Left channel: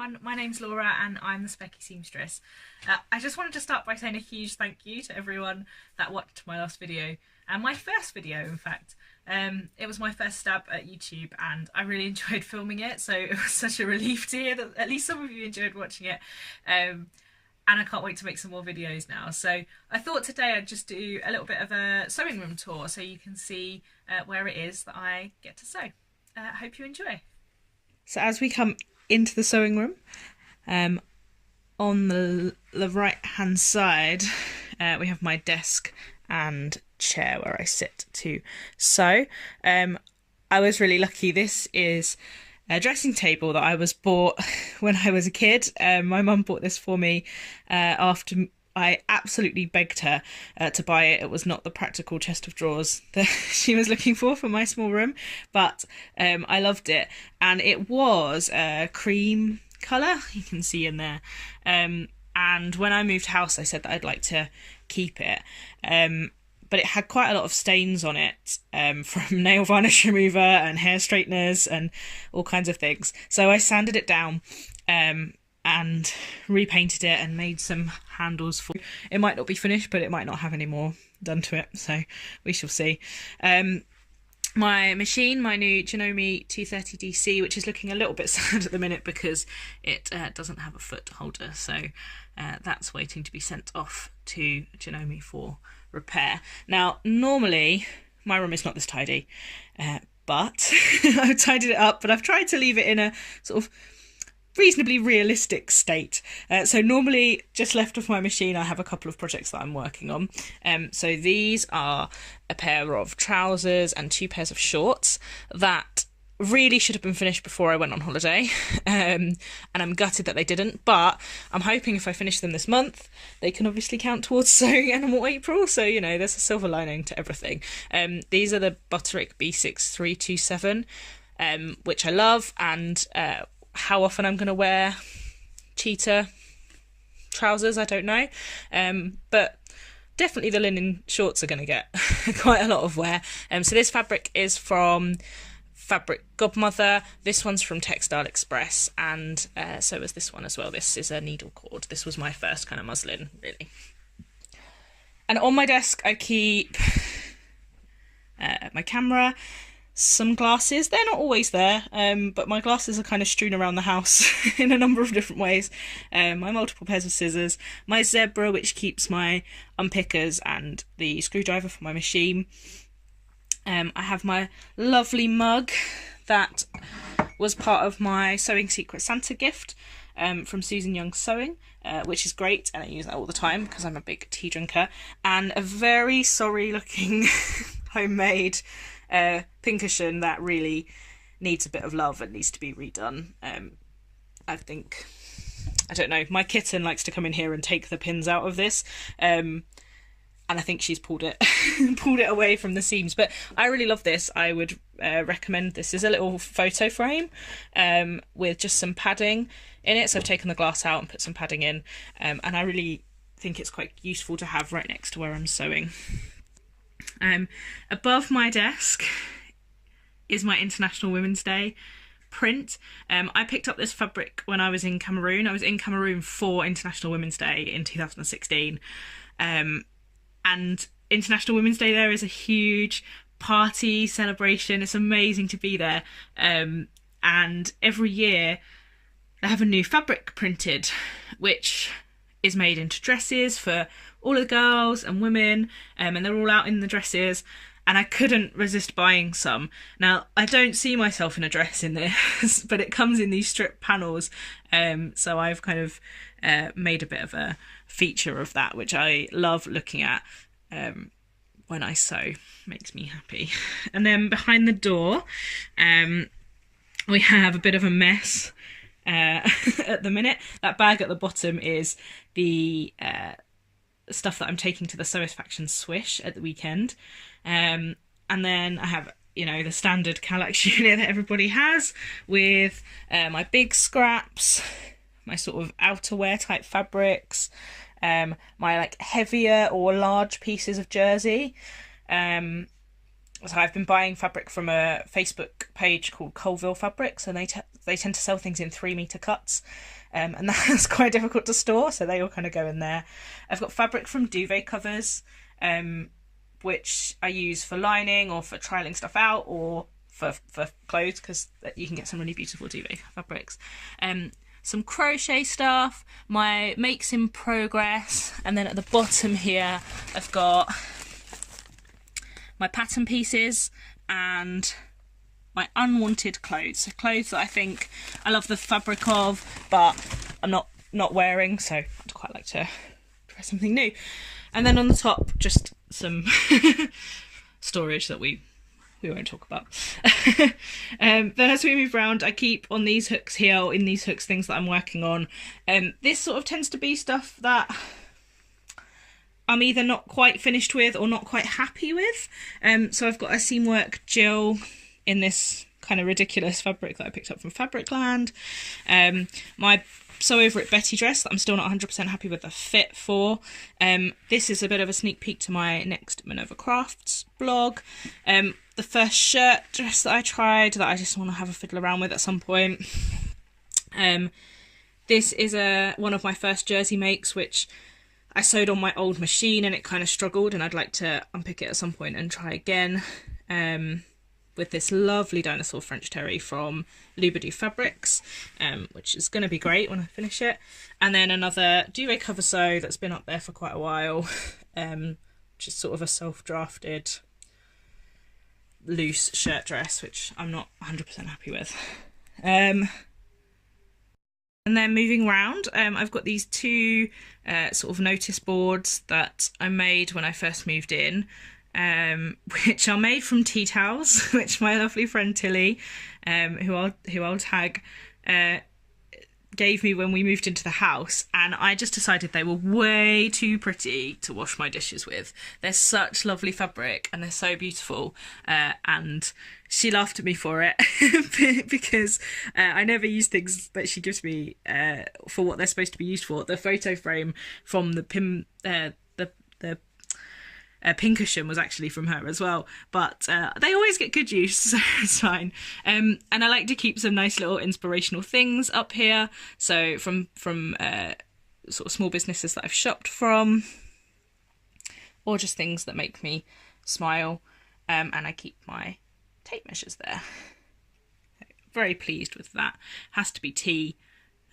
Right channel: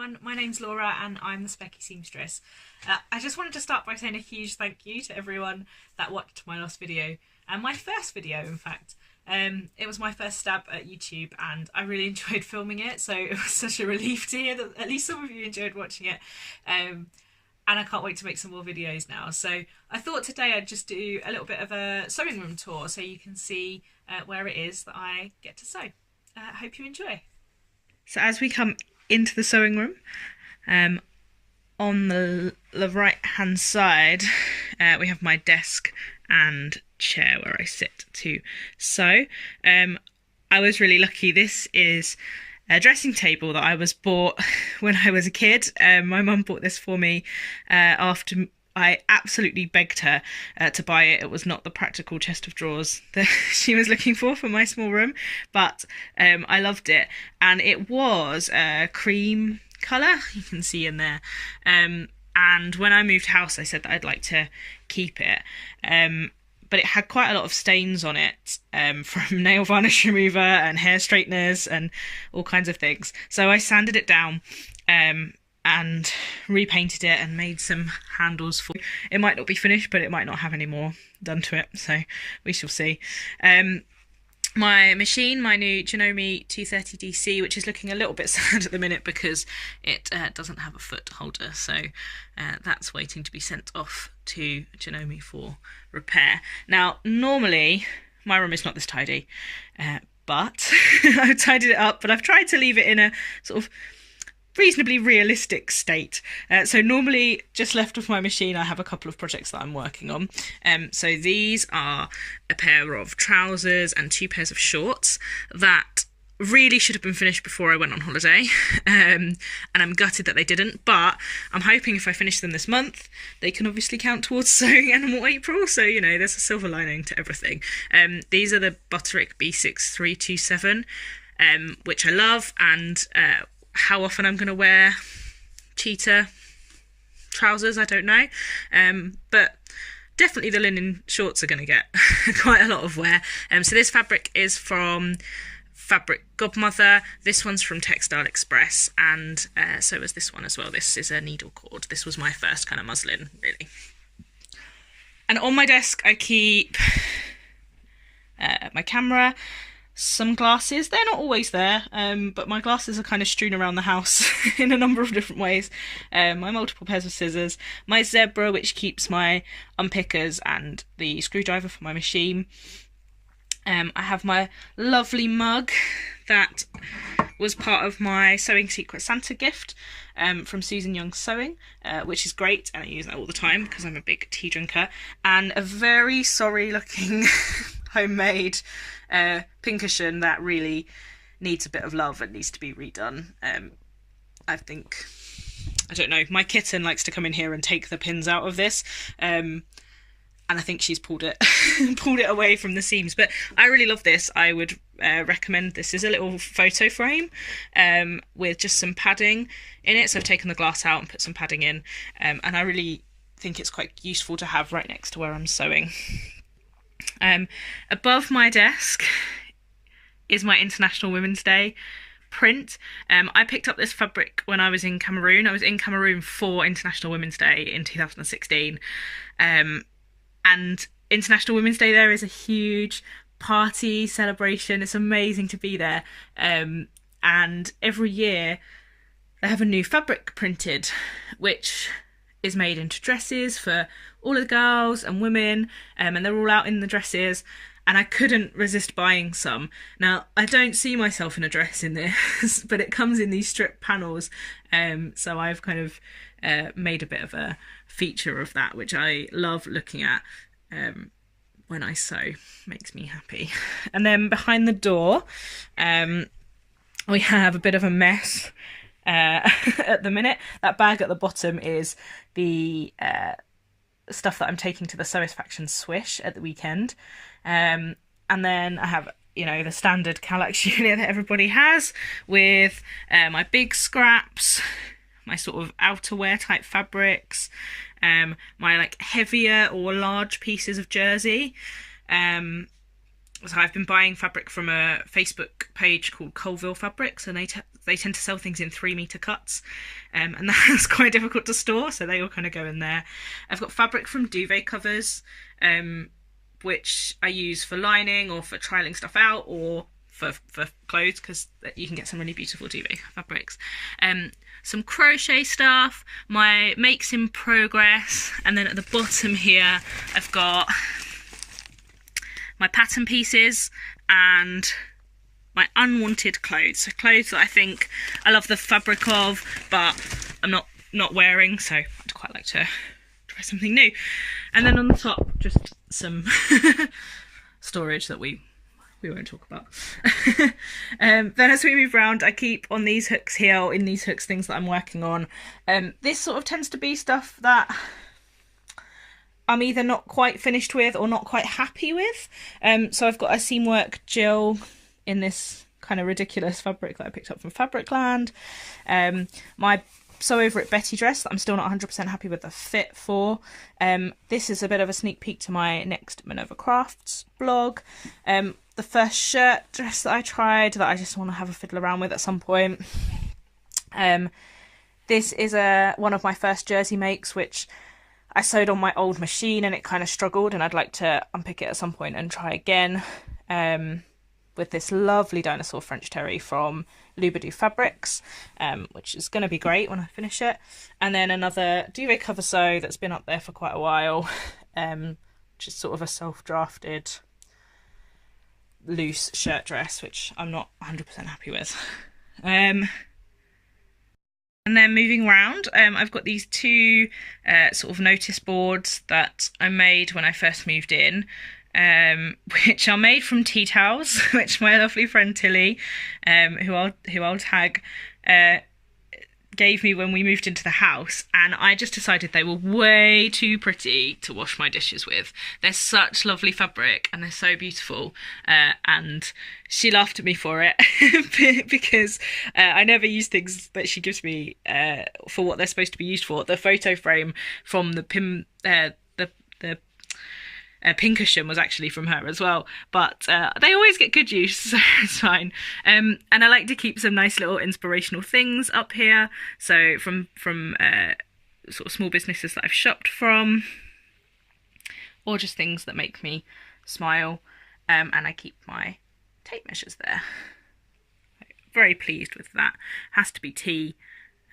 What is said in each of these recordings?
everyone, my name's Laura and I'm the Specky Seamstress. I just wanted to start by saying a huge thank you to everyone that watched my last video, and my first video in fact. It was my first stab at YouTube and I really enjoyed filming it, so it was such a relief to hear that at least some of you enjoyed watching it. And I can't wait to make some more videos now. So I thought today I'd just do a little bit of a sewing room tour so you can see where it is that I get to sew. Hope you enjoy. So as we come into the sewing room, on the right hand side we have my desk and chair where I sit to sew. I was really lucky. This is a dressing table that I was bought when I was a kid. My mum bought this for me after I absolutely begged her to buy it. It was not the practical chest of drawers that she was looking for my small room, but I loved it. And it was a cream colour, you can see in there. And when I moved house, I said that I'd like to keep it. But it had quite a lot of stains on it from nail varnish remover and hair straighteners and all kinds of things. So I sanded it down and repainted it and made some handles for it. It might not be finished, but it might not have any more done to it, so we shall see. My machine, my new Janome 230 DC, which is looking a little bit sad at the minute because it doesn't have a foot holder, so that's waiting to be sent off to Janome for repair. Now, normally my room is not this tidy, but I've tidied it up, but I've tried to leave it in a sort of reasonably realistic state. So normally just left of my machine I have a couple of projects that I'm working on. So these are a pair of trousers and 2 pairs of shorts that really should have been finished before I went on holiday, and I'm gutted that they didn't, but I'm hoping if I finish them this month they can obviously count towards sewing Animal April, so you know there's a silver lining to everything. These are the Butterick B6327, which I love, and how often I'm going to wear cheetah trousers, I don't know, but definitely the linen shorts are going to get quite a lot of wear. So this fabric is from Fabric Godmother, this one's from Textile Express, and so is this one as well. This is a needle cord. This was my first kind of muslin, really. And on my desk I keep my camera, some glasses. They're not always there, but my glasses are kind of strewn around the house in a number of different ways. My multiple pairs of scissors, my zebra which keeps my unpickers and the screwdriver for my machine. I have my lovely mug that was part of my Sewing Secret Santa gift from Susan Young Sewing, which is great, and I use that all the time because I'm a big tea drinker. And a very sorry looking homemade pincushion that really needs a bit of love and needs to be redone. I think, I don't know, my kitten likes to come in here and take the pins out of this, and I think she's pulled it pulled it away from the seams, but I really love this. I would recommend this. Is a little photo frame with just some padding in it, so I've taken the glass out and put some padding in, and I really think it's quite useful to have right next to where I'm sewing. Above my desk is my International Women's Day print. I picked up this fabric when I was in Cameroon. I was in Cameroon for International Women's Day in 2016, and International Women's Day there is a huge party celebration. It's amazing to be there, and every year they have a new fabric printed which is made into dresses for all of the girls and women, and they're all out in the dresses, and I couldn't resist buying some. Now, I don't see myself in a dress in this, but it comes in these strip panels, so I've kind of made a bit of a feature of that, which I love looking at when I sew. Makes me happy. And then behind the door we have a bit of a mess at the minute. That bag at the bottom is the stuff that I'm taking to the Sewisfaction Swish at the weekend, and then I have, you know, the standard Kallax unit that everybody has with my big scraps, my sort of outerwear type fabrics, my like heavier or large pieces of jersey, So I've been buying fabric from a Facebook page called Colville Fabrics, and they tend to sell things in 3-meter cuts, and that's quite difficult to store, so they all kind of go in there. I've got fabric from duvet covers, which I use for lining or for trialing stuff out, or for clothes, because you can get some really beautiful duvet fabrics. Some crochet stuff, my makes in progress, and then at the bottom here I've got my pattern pieces and my unwanted clothes. So clothes that I think I love the fabric of, but I'm not wearing, so I'd quite like to try something new. And then on the top, just some storage that we won't talk about. Then as we move around, I keep on these hooks here, or in these hooks, things that I'm working on. This sort of tends to be stuff that I'm either not quite finished with or not quite happy with. So I've got a Seamwork Jill in this kind of ridiculous fabric that I picked up from Fabricland. My Sew Over It Betty dress that I'm still not 100% happy with the fit for. This is a bit of a sneak peek to my next Minerva Crafts blog. The first shirt dress that I tried that I just want to have a fiddle around with at some point. This is one of my first jersey makes, which I sewed on my old machine and it kind of struggled, and I'd like to unpick it at some point and try again, with this lovely dinosaur French terry from Lubadou Fabrics, which is going to be great when I finish it. And then another duvet cover sew that's been up there for quite a while, which is sort of a self-drafted loose shirt dress, which I'm not 100% happy with. And then moving around, I've got these two sort of notice boards that I made when I first moved in, which are made from tea towels, which my lovely friend Tilly, who I'll tag, gave me when we moved into the house, and I just decided they were way too pretty to wash my dishes with. They're such lovely fabric and they're so beautiful, and she laughed at me for it because I never use things that she gives me for what they're supposed to be used for. The photo frame from the Pincushion was actually from her as well, but they always get good use, so it's fine. And I like to keep some nice little inspirational things up here, so from sort of small businesses that I've shopped from, or just things that make me smile. And I keep my tape measures there. Very pleased with that. Has to be tea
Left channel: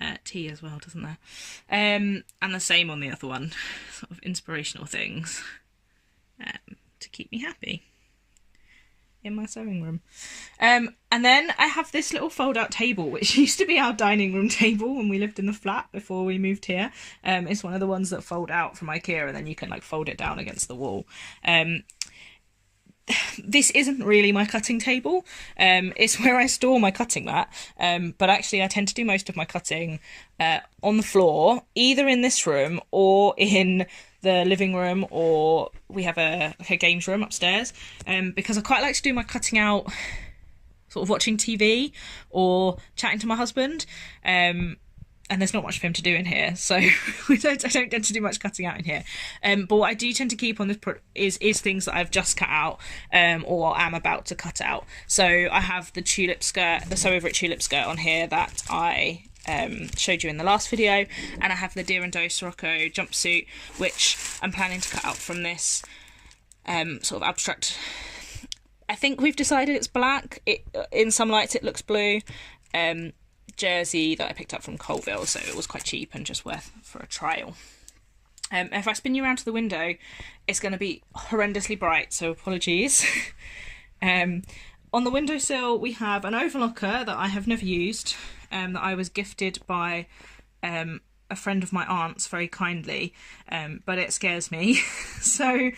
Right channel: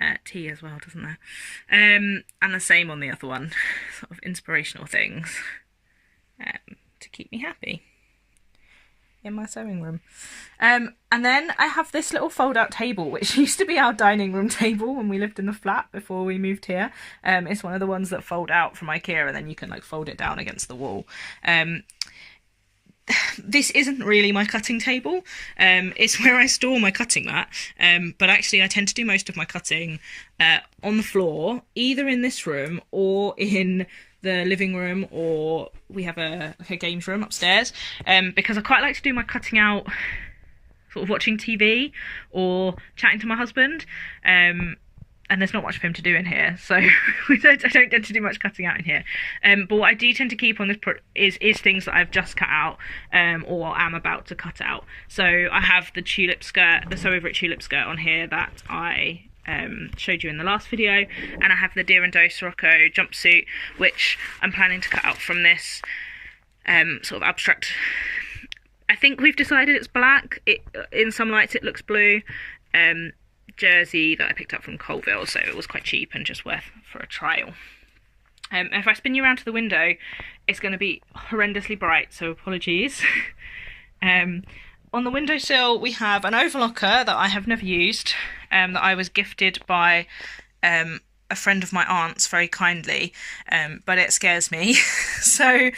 as well, doesn't there? And the same on the other one, sort of inspirational things to keep me happy in my sewing room. And then I have this little fold-out table, which used to be our dining room table when we lived in the flat before we moved here. It's one of the ones that fold out from IKEA, and then you can like fold it down against the wall. This isn't really my cutting table. It's where I store my cutting mat, but actually I tend to do most of my cutting on the floor, either in this room or in the living room, or we have a games room upstairs, because I quite like to do my cutting out sort of watching TV or chatting to my husband, and there's not much for him to do in here, so I don't tend to do much cutting out in here. But what I do tend to keep on this is things that I've just cut out, or am about to cut out. So I have the tulip skirt, the Sew Over It tulip skirt on here that I showed you in the last video, and I have the Deer and Doe Sirocco jumpsuit, which I'm planning to cut out from this sort of abstract. I think we've decided it's black. In some lights it looks blue. Jersey that I picked up from Colville, so it was quite cheap and just worth for a trial. If I spin you around to the window, it's going to be horrendously bright, so apologies. On the windowsill we have an overlocker that I have never used, that I was gifted by a friend of my aunt's very kindly, but it scares me. So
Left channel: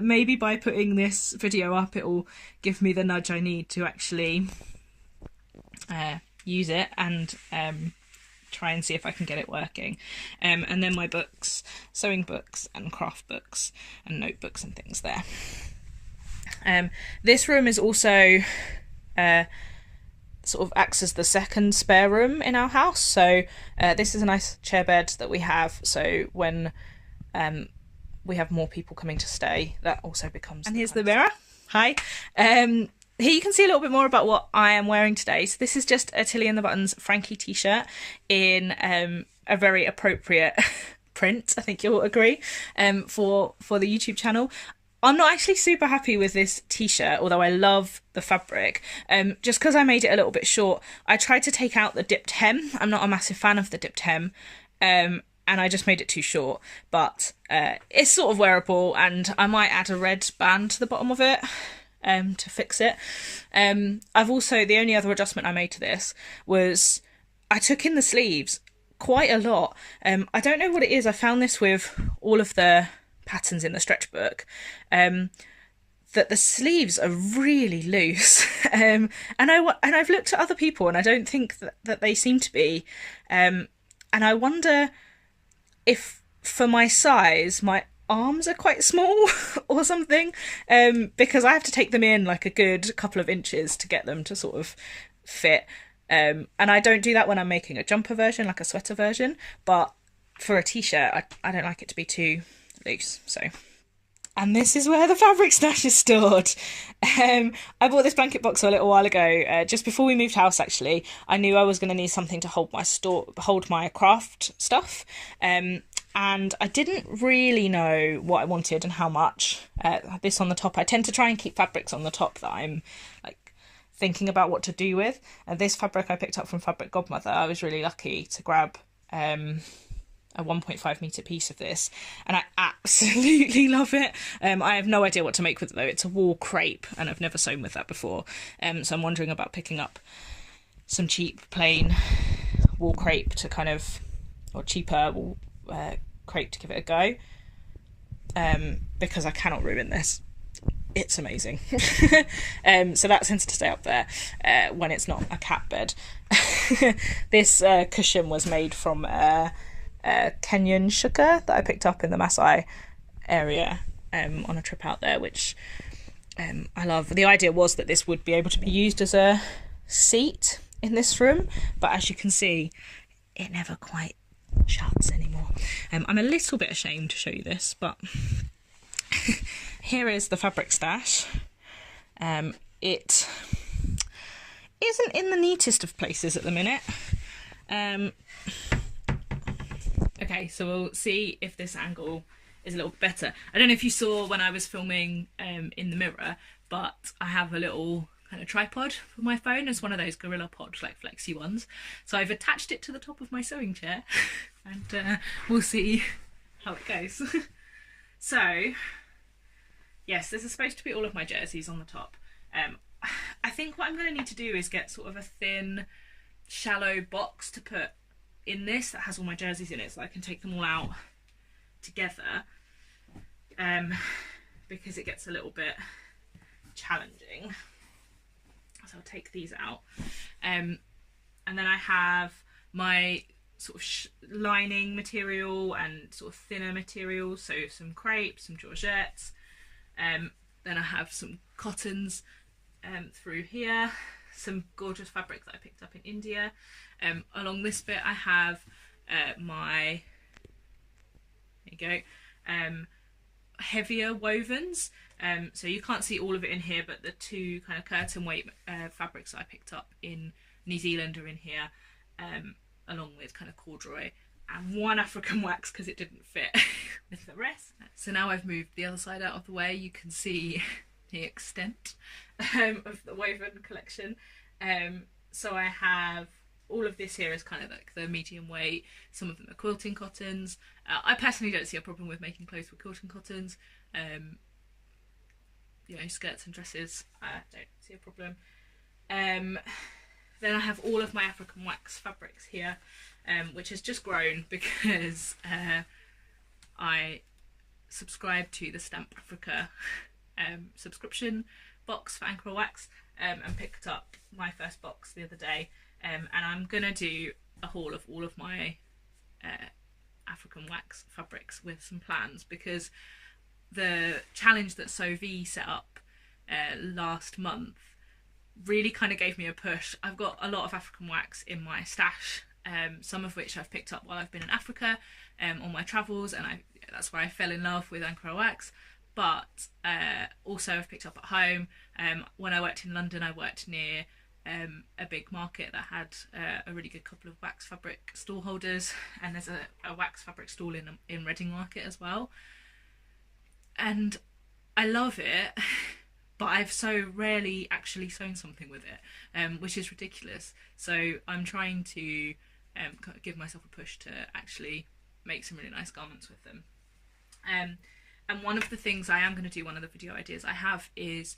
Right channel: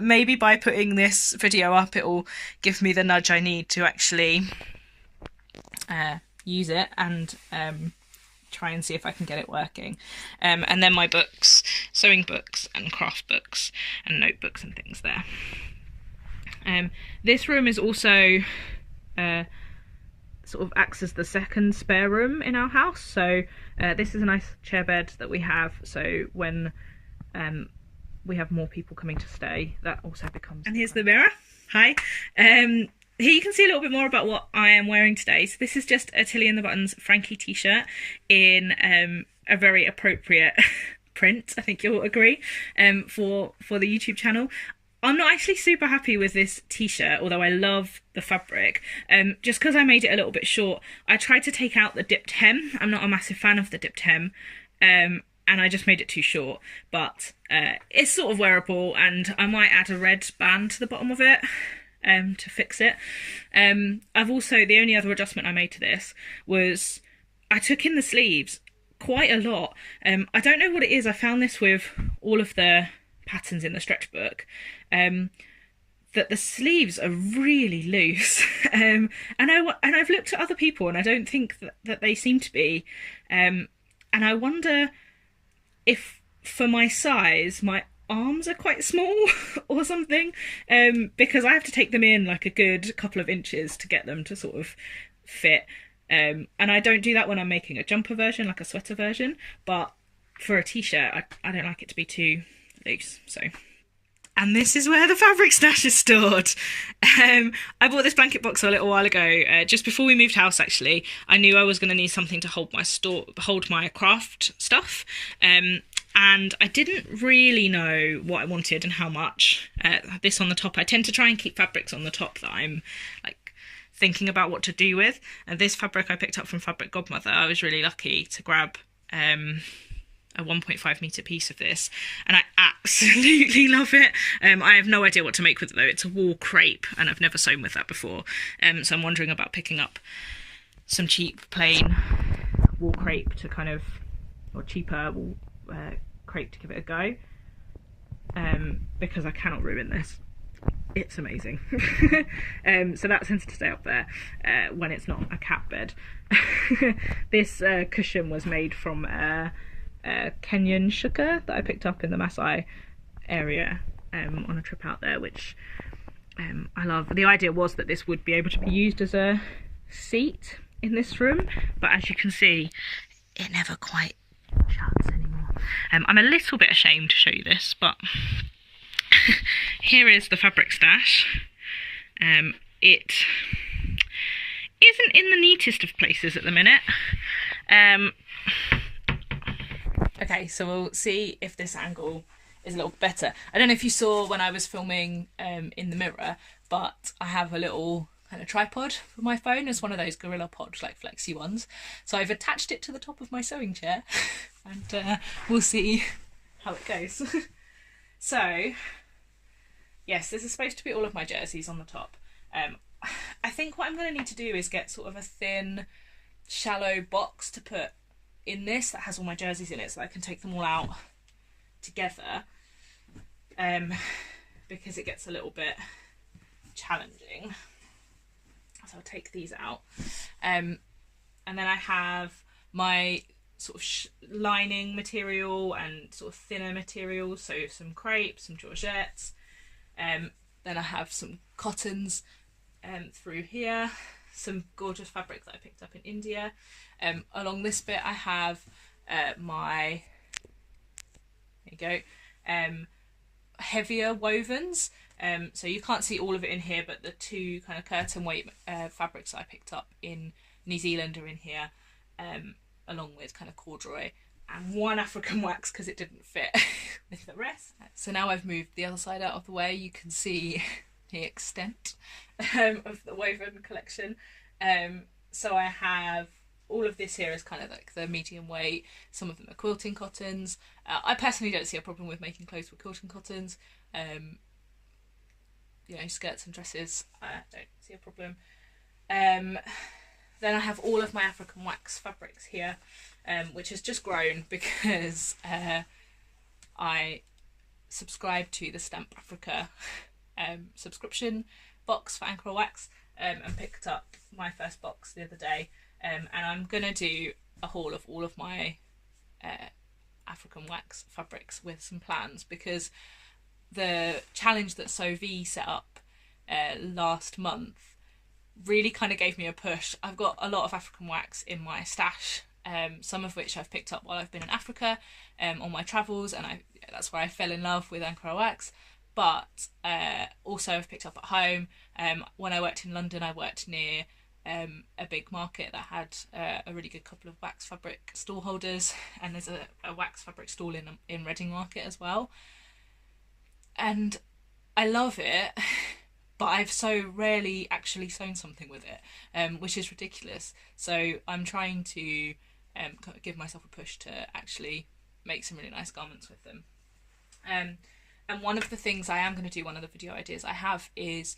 maybe by putting this video up, it will give me the nudge I need to actually use it and try and see if I can get it working. And then my books, sewing books and craft books and notebooks and things there. This room is also sort of acts as the second spare room in our house, so this is a nice chair bed that we have, so when we have more people coming to stay, that also becomes... And here's the mirror. Hi. Here you can see a little bit more about what I am wearing today. So this is just a Tilly and the Buttons Frankie t-shirt in a very appropriate print, I think you'll agree, for the YouTube channel. I'm not actually super happy with this t-shirt, although I love the fabric. Just because I made it a little bit short, I tried to take out the dipped hem. I'm not a massive fan of the dipped hem, and I just made it too short. But it's sort of wearable, and I might add a red band to the bottom of it to fix it. I've also, the only other adjustment I made to this was I took in the sleeves quite a lot. I don't know what it is. I found this with all of the patterns in the stretch book, that the sleeves are really loose, and I've looked at other people and I don't think that they seem to be, and I wonder if for my size my arms are quite small or something, because I have to take them in like a good couple of inches to get them to sort of fit, and I don't do that when I'm making a jumper version, like a sweater version, but for a t-shirt I don't like it to be too loose. So, and this is where the fabric stash is stored. I bought this blanket box a little while ago, just before we moved house actually. I knew I was going to need something to hold my craft stuff, and I didn't really know what I wanted and how much. This on the top, I tend to try and keep fabrics on the top that I'm like thinking about what to do with, and this fabric I picked up from Fabric Godmother. I was really lucky to grab a 1.5 metre piece of this, and I absolutely love it. I have no idea what to make with it though. It's a wool crepe and I've never sewn with that before, so I'm wondering about picking up some cheap plain wool crepe to kind of, or cheaper wool crepe to give it a go, because I cannot ruin this. It's amazing. So that tends to stay up there when it's not a cat bed. This cushion was made from Kenyan sugar that I picked up in the Maasai area on a trip out there, which I love. The idea was that this would be able to be used as a seat in this room, but as you can see, it never quite shuts anymore. I'm a little bit ashamed to show you this, but here is the fabric stash. It isn't in the neatest of places at the minute. Okay, so we'll see if this angle is a little better. I don't know if you saw when I was filming in the mirror, but I have a little kind of tripod for my phone. It's one of those Gorilla Pod, like flexi ones. So I've attached it to the top of my sewing chair, and we'll see how it goes. So, yes, this is supposed to be all of my jerseys on the top. I think what I'm going to need to do is get sort of a thin, shallow box to put in this that has all my jerseys in it, so I can take them all out together, because it gets a little bit challenging. So I'll take these out, and then I have my sort of lining material and sort of thinner material, so some crepe, some georgettes, then I have some cottons through here, some gorgeous fabric that I picked up in India. Along this bit I have my, there you go, heavier wovens. So you can't see all of it in here, but the two kind of curtain weight fabrics that I picked up in New Zealand are in here, along with kind of corduroy and one African wax because it didn't fit with the rest. So now I've moved the other side out of the way, you can see the extent of the woven collection. So I have all of this here is kind of like the medium weight. Some of them are quilting cottons. I personally don't see a problem with making clothes with quilting cottons. You know, skirts and dresses, I don't see a problem. Then I have all of my African wax fabrics here, which has just grown because I subscribe to the Stamp Africa subscription box for Ankara Wax, and picked up my first box the other day, and I'm gonna do a haul of all of my African wax fabrics with some plans, because the challenge that Sew V set up last month really kind of gave me a push. I've got a lot of African wax in my stash, some of which I've picked up while I've been in Africa on my travels, and that's where I fell in love with Ankara Wax. but also I've picked up at home. When I worked in London, I worked near a big market that had a really good couple of wax fabric stall holders, and there's a wax fabric stall in Reading Market as well, and I love it, but I've so rarely actually sewn something with it, which is ridiculous. So I'm trying to give myself a push to actually make some really nice garments with them. And one of the things I am going to do, one of the video ideas I have, is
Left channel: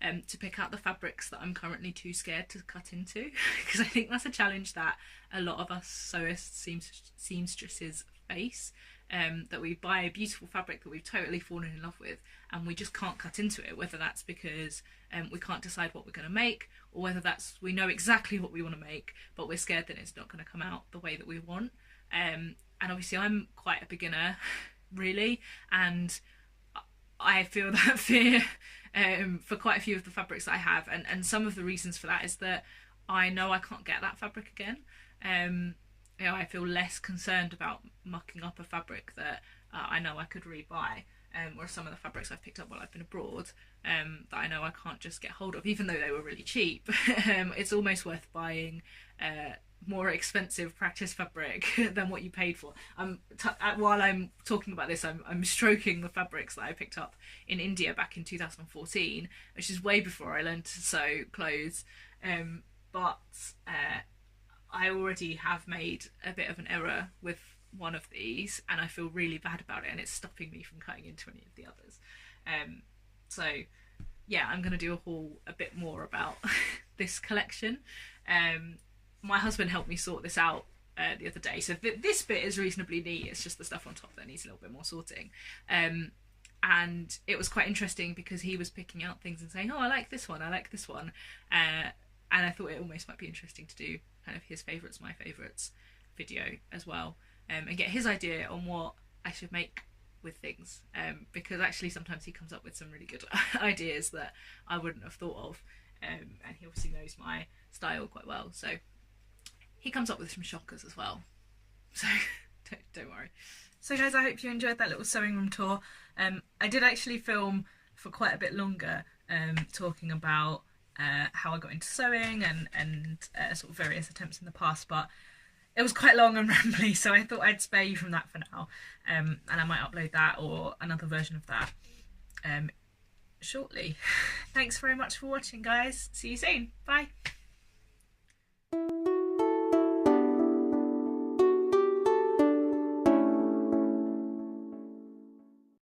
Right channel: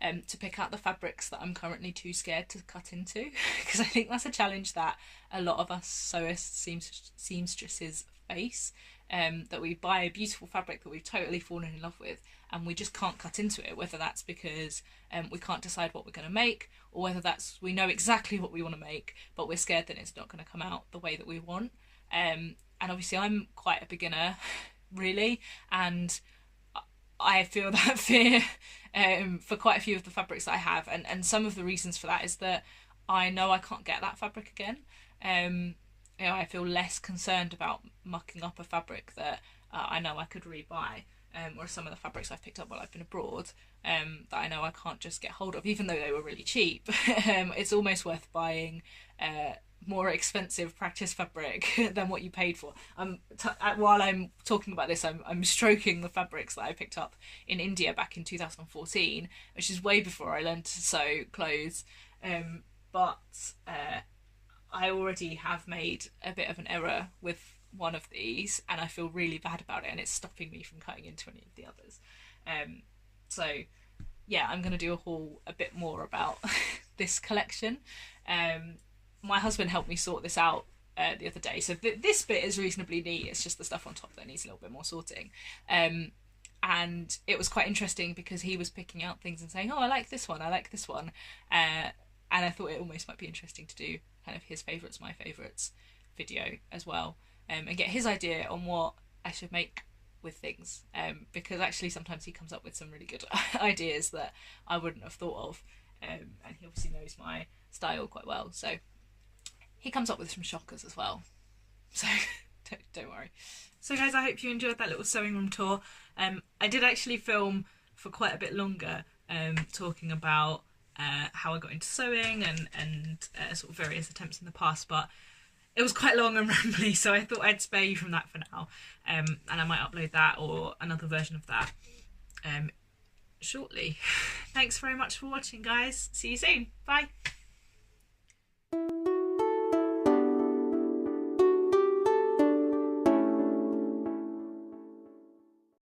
to pick out the fabrics that I'm currently too scared to cut into, because I think that's a challenge that a lot of us sewists, seamstresses face, that we buy a beautiful fabric that we've totally fallen in love with and we just can't cut into it, whether that's because we can't decide what we're going to make, or whether that's we know exactly what we want to make but we're scared that it's not going to come out the way that we want. And obviously I'm quite a beginner really, and I feel that fear for quite a few of the fabrics that I have, and some of the reasons for that is that I know I can't get that fabric again. You know, I feel less concerned about mucking up a fabric that I know I could rebuy, or some of the fabrics I've picked up while I've been abroad that I know I can't just get hold of, even though they were really cheap. It's almost worth buying more expensive practice fabric than what you paid for. While I'm talking about this, I'm stroking the fabrics that I picked up in India back in 2014, which is way before I learned to sew clothes. But I already have made a bit of an error with one of these, and I feel really bad about it, and it's stopping me from cutting into any of the others. So yeah, I'm going to do a haul a bit more about this collection. My husband helped me sort this out the other day, so this bit is reasonably neat. It's just the stuff on top that needs a little bit more sorting. And it was quite interesting because he was picking out things and saying, oh, I like this one, I like this one. And I thought it almost might be interesting to do kind of his favourites, my favourites video as well, and get his idea on what I should make with things, because actually sometimes he comes up with some really good ideas that I wouldn't have thought of, and he obviously knows my style quite well, so he comes up with some shockers as well, so don't worry. So guys, I hope you enjoyed that little sewing room tour. I did actually film for quite a bit longer, talking about how I got into sewing and sort of various attempts in the past, but it was quite long and rambly, so I thought I'd spare you from that for now, and I might upload that or another version of that shortly. Thanks very much for watching, guys. See you soon. Bye.